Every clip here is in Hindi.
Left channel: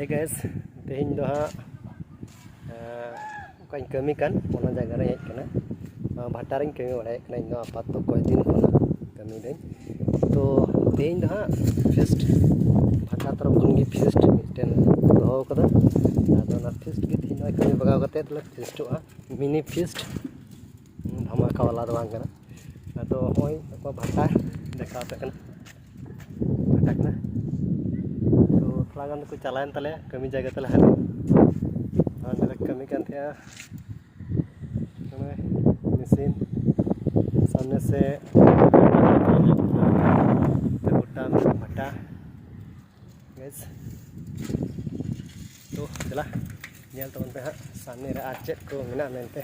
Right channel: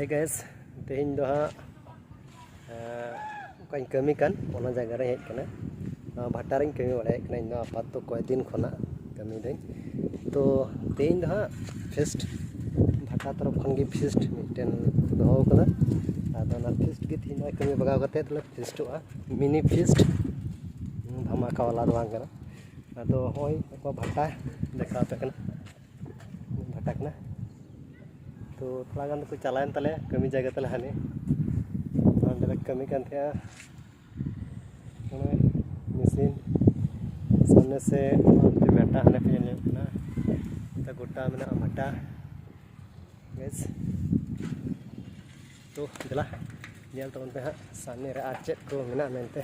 Hey guys, tehin do ha kain kami kan ona jaga re hej kana bhataring kami bale kana indo apat to koi din khona kami dai to tehin do ha feast bhata taraf khan gi feast miten doho kada ado na feast gi tehin ai kami bagaw kate tla feast a mini feast dhamaka wala do bang kana ado hoi ko bhata dekha pe kana bhata kana तो थोड़ा गान को चलान तले कमी जगह तले हाने आंदले कमी kan थे मशीन सामने से गोटा में भट्टा गैस तो चला nyel teman pe सामने रे आचेत को मेना मेनते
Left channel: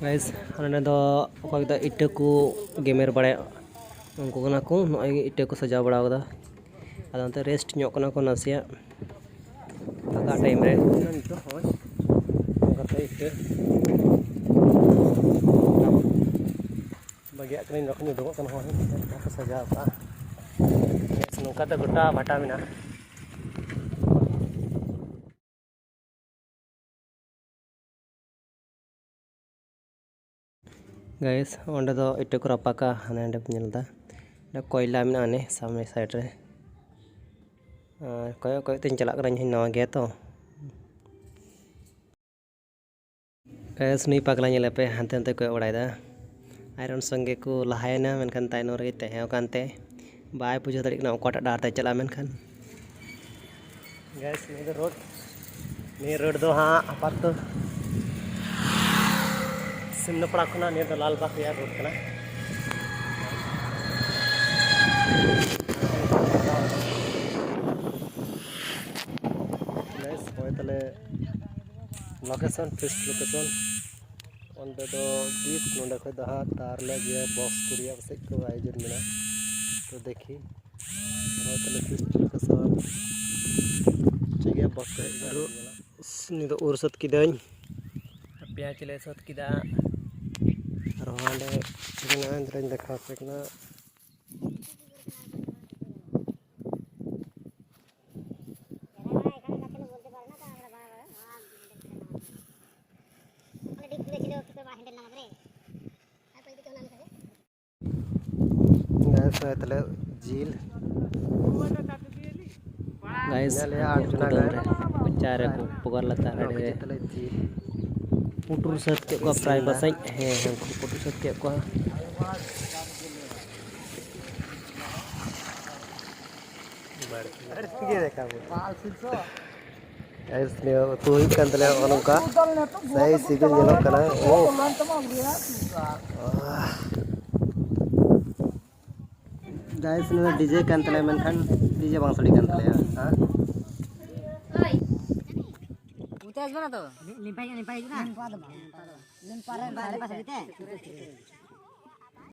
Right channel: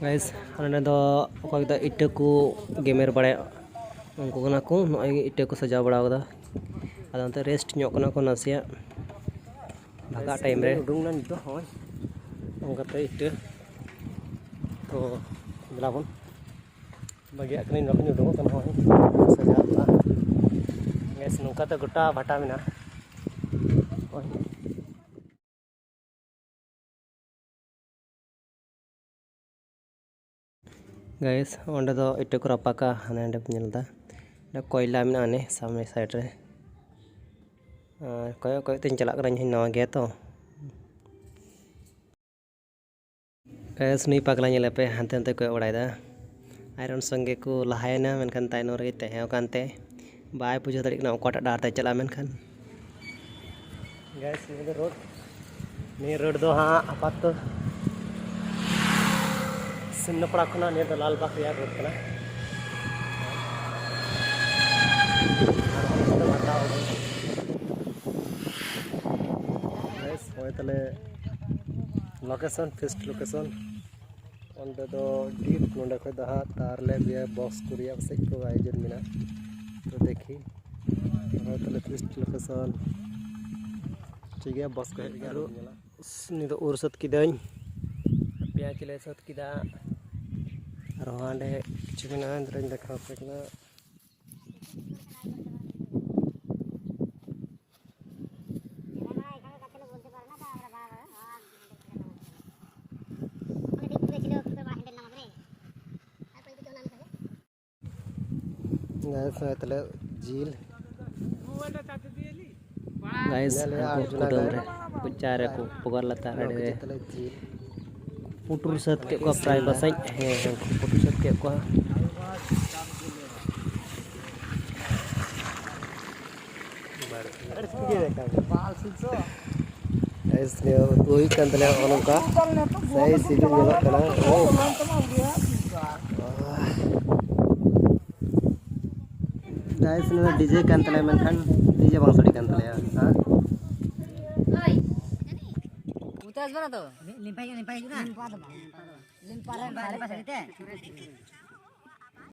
guys ane do okoi da itte ko gamer bade unko kana ko noi itte ko sajaw bada kada adante rest nyok kana ko nasia daga time re nan do hoy kata itte labo bagi akni nok nyu do kana hoy sajaw ba guys nungka ta gota bhata mina guys onde do itte ko rapaka hanande nyelda da koila mina ne samne side re koy tin chalak rany hin no ge to guys ni pakla nyele pe hante hante koy odai da iron sange ko lahayana menkan taino re te hew kante bai pujo tarik na okota dar te chala menkan guys ni road do ha apat to सिमना पड़ा खुना ने लाल बाग यार रोड कना गाइस होय तले लोकेशन फिस्ट लोकेशन ओंदे दो डीप नोंडे खय दहा तार ले जे बॉक्स कुरिया से को आयोजन मेना तो देखी होय तले फिस्ट लोकेशन चेगे बॉक्स कहे गारो नि दो उरसत किदन प्याज ले सत किदा रोहांडे चिकना अंदर देखा चिकना गाइस तले झील गाइस कुचारे को पगर लता रे तले झील पुटुर सत के को प्राय बसई है हमको पुटुर सत के को ऐसे तो ही कंदले ओनका सही सिगल जलो कना ओ गाइस ने डीजे कंतले मनखन डीजे बांसड़ी कंतले हां तो लिंपाई लिंपाई लिंपा दो लिंपा ले पास